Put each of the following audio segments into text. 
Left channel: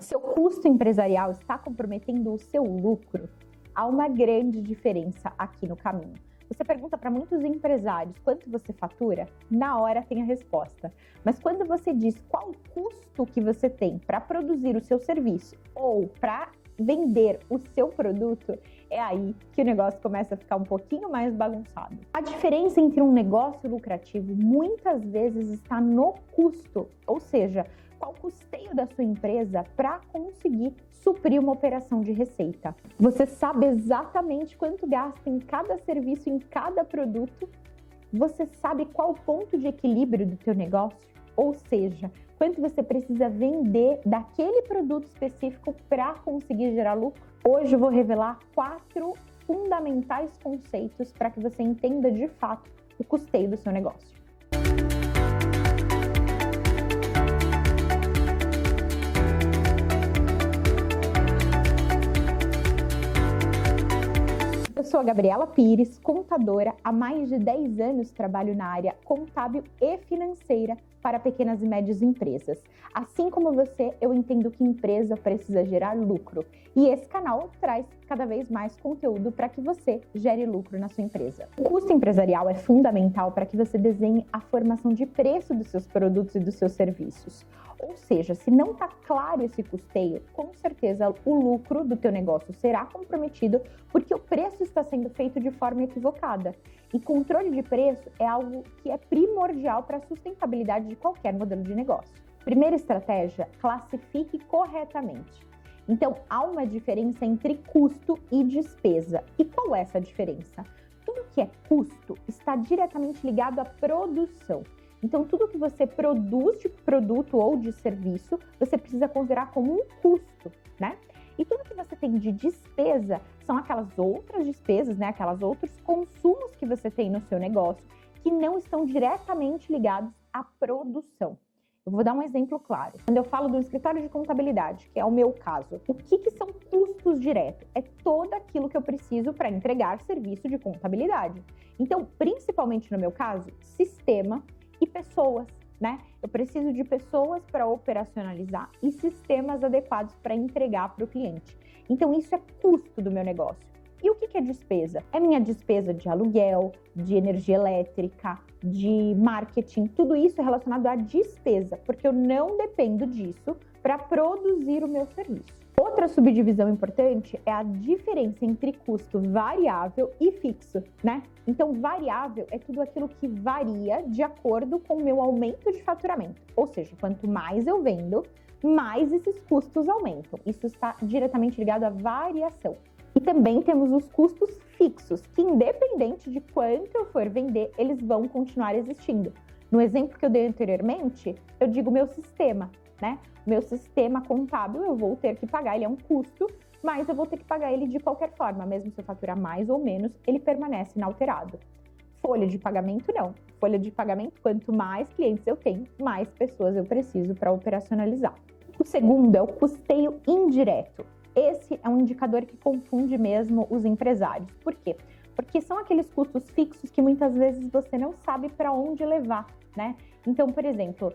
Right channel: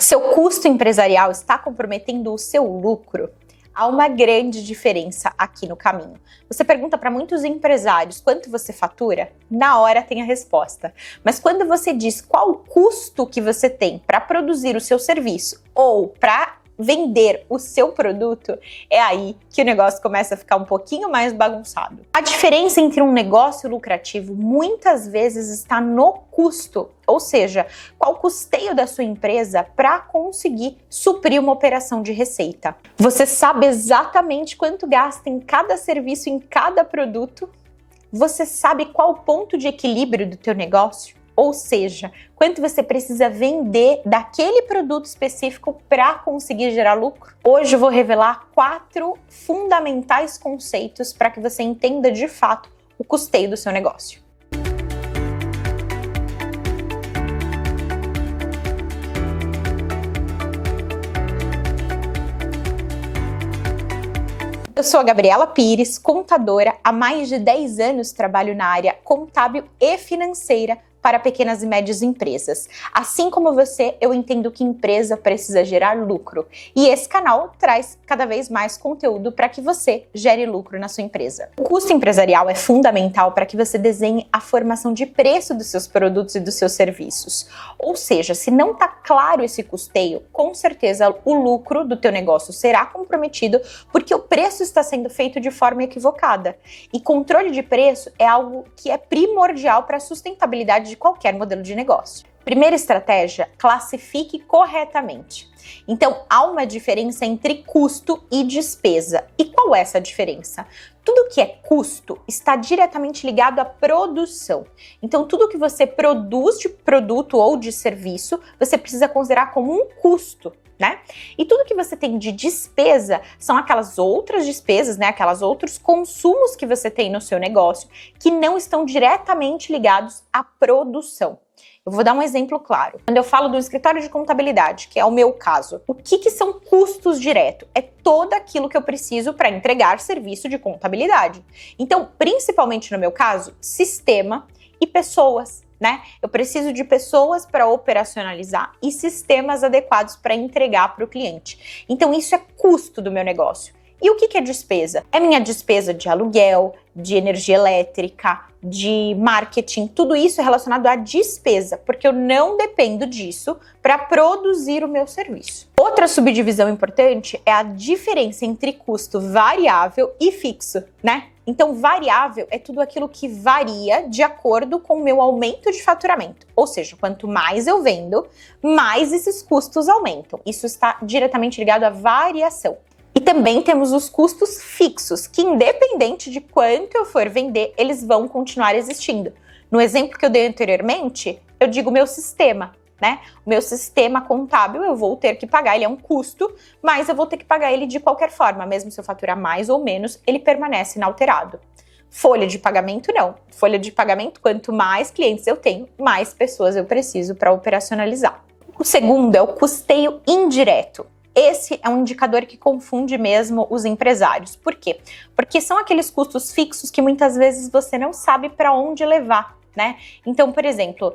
Seu custo empresarial está comprometendo o seu lucro? Há uma grande diferença aqui no caminho. Você pergunta para muitos empresários quanto você fatura? Na hora tem a resposta. Mas quando você diz qual o custo que você tem para produzir o seu serviço ou para vender o seu produto, é aí que o negócio começa a ficar um pouquinho mais bagunçado. A diferença entre um negócio lucrativo muitas vezes está no custo, ou seja, qual o custeio da sua empresa para conseguir suprir uma operação de receita. Você sabe exatamente quanto gasta em cada serviço, em cada produto? Você sabe qual o ponto de equilíbrio do teu negócio? Ou seja, quanto você precisa vender daquele produto específico para conseguir gerar lucro? Hoje eu vou revelar 4 fundamentais conceitos para que você entenda de fato o custeio do seu negócio. Eu sou a Gabriela Pires, contadora. Há mais de 10 anos trabalho na área contábil e financeira para pequenas e médias empresas. Assim como você, eu entendo que empresa precisa gerar lucro. E esse canal traz cada vez mais conteúdo para que você gere lucro na sua empresa. O custo empresarial é fundamental para que você desenhe a formação de preço dos seus produtos e dos seus serviços. Ou seja, se não está claro esse custeio, com certeza o lucro do teu negócio será comprometido porque o preço está sendo feito de forma equivocada. E controle de preço é algo que é primordial para a sustentabilidade de qualquer modelo de negócio. Primeira estratégia, classifique corretamente. Então, há uma diferença entre custo e despesa. E qual é essa diferença? Tudo que é custo está diretamente ligado à produção. Então, tudo que você produz de produto ou de serviço, você precisa considerar como um custo, né? E tudo que você tem de despesa são aquelas outras despesas, né? Aquelas outros consumos que você tem no seu negócio que não estão diretamente ligados à produção. Eu vou dar um exemplo claro. Quando eu falo do escritório de contabilidade, que é o meu caso, o que são custos diretos? É todo aquilo que eu preciso para entregar serviço de contabilidade. Então, principalmente no meu caso, sistema e pessoas, né? Eu preciso de pessoas para operacionalizar e sistemas adequados para entregar para o cliente. Então, isso é custo do meu negócio. E o que é despesa? É minha despesa de aluguel, de energia elétrica, de marketing, tudo isso é relacionado à despesa, porque eu não dependo disso para produzir o meu serviço. Outra subdivisão importante é a diferença entre custo variável e fixo, né? Então, variável é tudo aquilo que varia de acordo com o meu aumento de faturamento. Ou seja, quanto mais eu vendo, mais esses custos aumentam. Isso está diretamente ligado à variação. E também temos os custos fixos, que independente de quanto eu for vender, eles vão continuar existindo. No exemplo que eu dei anteriormente, eu digo meu sistema, né? O meu sistema contábil eu vou ter que pagar, ele é um custo, mas eu vou ter que pagar ele de qualquer forma, mesmo se eu faturar mais ou menos, ele permanece inalterado. Folha de pagamento não. Folha de pagamento, quanto mais clientes eu tenho, mais pessoas eu preciso para operacionalizar. O segundo é o custeio indireto. Esse é um indicador que confunde mesmo os empresários. Por quê? Porque são aqueles custos fixos que muitas vezes você não sabe para onde levar, né? Então, por exemplo,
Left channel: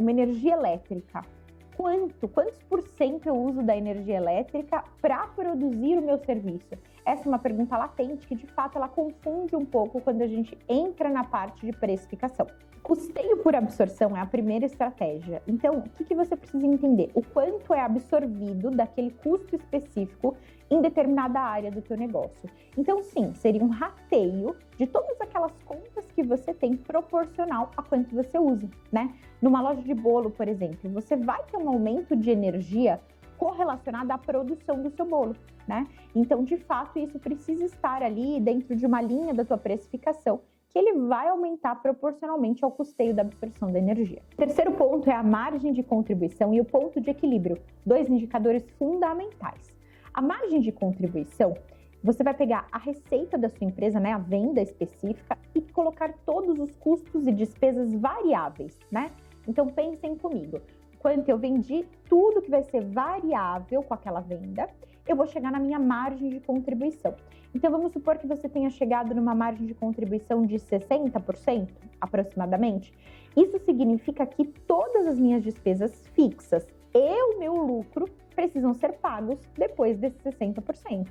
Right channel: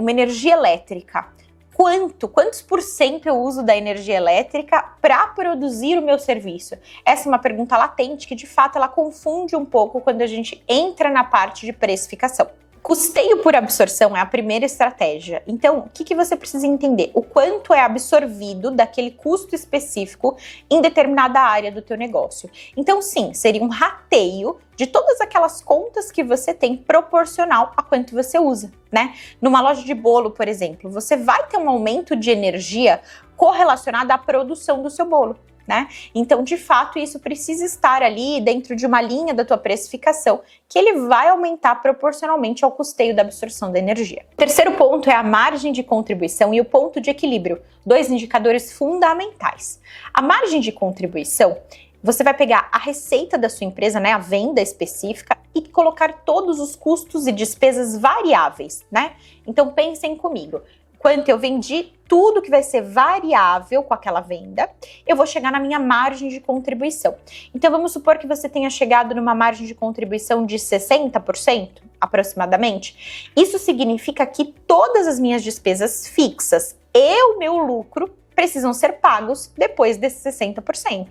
uma energia elétrica. Quantos por cento eu uso da energia elétrica para produzir o meu serviço? Essa é uma pergunta latente que, de fato, ela confunde um pouco quando a gente entra na parte de precificação. Custeio por absorção é a primeira estratégia. Então, o que você precisa entender? O quanto é absorvido daquele custo específico em determinada área do teu negócio. Então, sim, seria um rateio de todas aquelas contas que você tem proporcional a quanto você usa, né? Numa loja de bolo, por exemplo, você vai ter um aumento de energia correlacionado à produção do seu bolo, né? Então, de fato, isso precisa estar ali dentro de uma linha da tua precificação, que ele vai aumentar proporcionalmente ao custeio da absorção da energia. O terceiro ponto é a margem de contribuição e o ponto de equilíbrio, 2 indicadores fundamentais. A margem de contribuição, você vai pegar a receita da sua empresa, né, a venda específica, e colocar todos os custos e despesas variáveis, né? Então, pensem comigo. Quanto eu vendi, tudo que vai ser variável com aquela venda, eu vou chegar na minha margem de contribuição. Então, vamos supor que você tenha chegado numa margem de contribuição de 60%, aproximadamente. Isso significa que todas as minhas despesas fixas e o meu lucro precisam ser pagos depois desses 60%.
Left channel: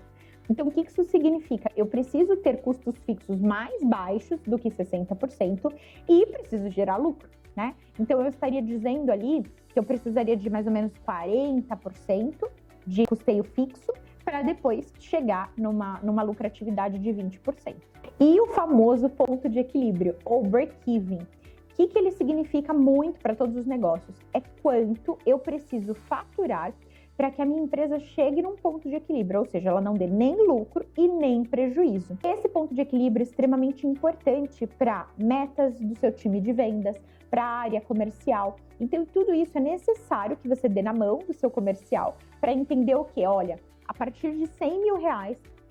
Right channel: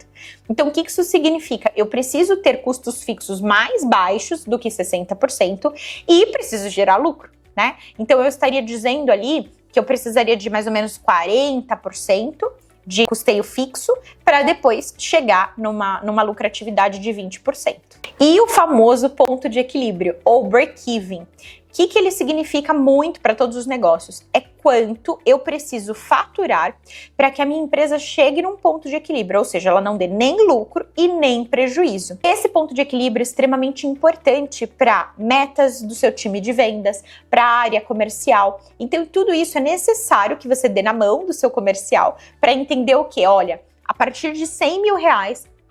Então, o que isso significa? Eu preciso ter custos fixos mais baixos do que 60% e preciso gerar lucro, né? Então, eu estaria dizendo ali que eu precisaria de mais ou menos 40% de custeio fixo para depois chegar numa lucratividade de 20%. E o famoso ponto de equilíbrio, ou break-even. O que ele significa muito para todos os negócios? É quanto eu preciso faturar para que a minha empresa chegue num ponto de equilíbrio, ou seja, ela não dê nem lucro e nem prejuízo. Esse ponto de equilíbrio é extremamente importante para metas do seu time de vendas, para a área comercial. Então, tudo isso é necessário que você dê na mão do seu comercial para entender o que? Olha, a partir de R$100 mil,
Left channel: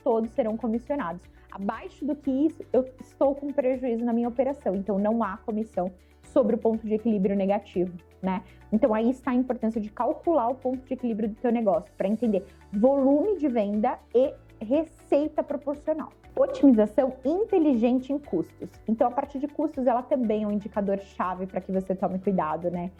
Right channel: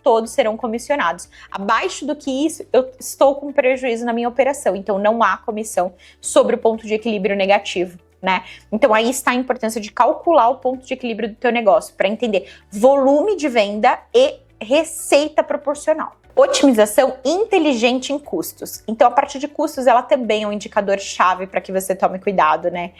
todos serão comissionados. Abaixo do que isso, eu estou com prejuízo na minha operação, então não há comissão sobre o ponto de equilíbrio negativo, né? Então aí está a importância de calcular o ponto de equilíbrio do teu negócio, para entender volume de venda e receita proporcional. Otimização inteligente em custos. Então, a parte de custos, ela também é um indicador-chave para que você tome cuidado, né?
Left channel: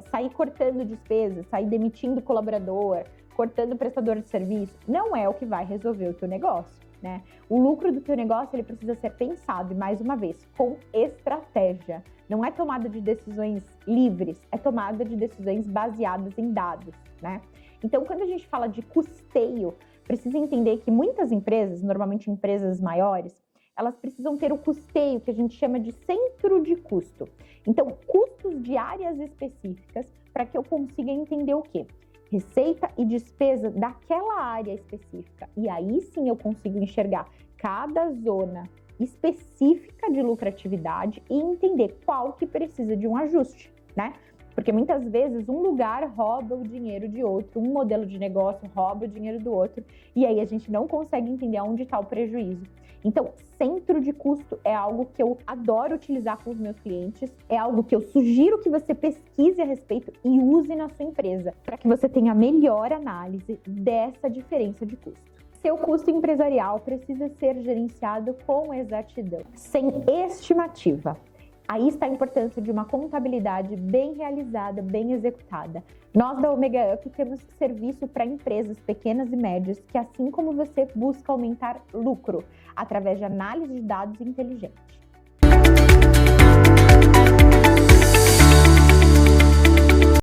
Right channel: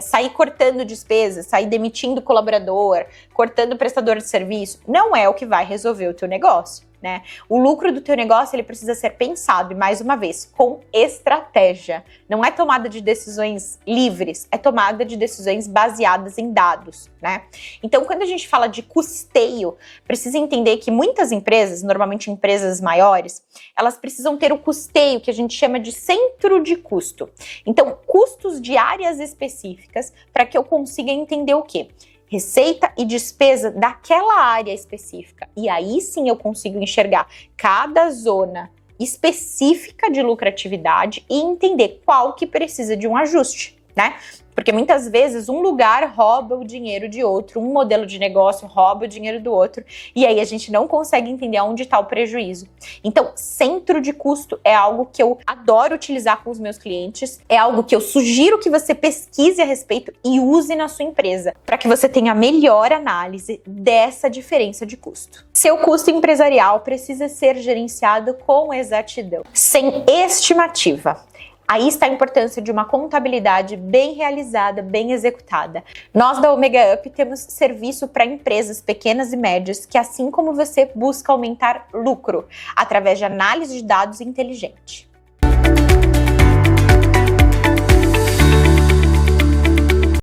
Sair cortando despesas, sair demitindo colaborador, cortando prestador de serviço, não é o que vai resolver o teu negócio, né? O lucro do teu negócio, ele precisa ser pensado, e mais uma vez, com estratégia. Não é tomada de decisões livres, é tomada de decisões baseadas em dados, né? Então, quando a gente fala de custeio, precisa entender que muitas empresas, normalmente empresas maiores, elas precisam ter o custeio que a gente chama de centro de custo. Então, custos de áreas específicas para que eu consiga entender o quê? Receita e despesa daquela área específica. E aí sim eu consigo enxergar cada zona específica de lucratividade e entender qual que precisa de um ajuste, né? Porque muitas vezes um lugar rouba o dinheiro de outro, um modelo de negócio rouba o dinheiro do outro, e aí a gente não consegue entender onde está o prejuízo. Então, centro de custo é algo que eu adoro utilizar com os meus clientes, é algo que eu sugiro que você pesquise a respeito e use na sua empresa, para que você tenha a melhor análise dessa diferença de custo. Seu custo empresarial precisa ser gerenciado com exatidão, sem estimativa. Aí está a importância de uma contabilidade bem realizada, bem executada. Nós da Omega Up temos serviço para empresas pequenas e médias que, assim como você, busca aumentar lucro através de análise de dados inteligente.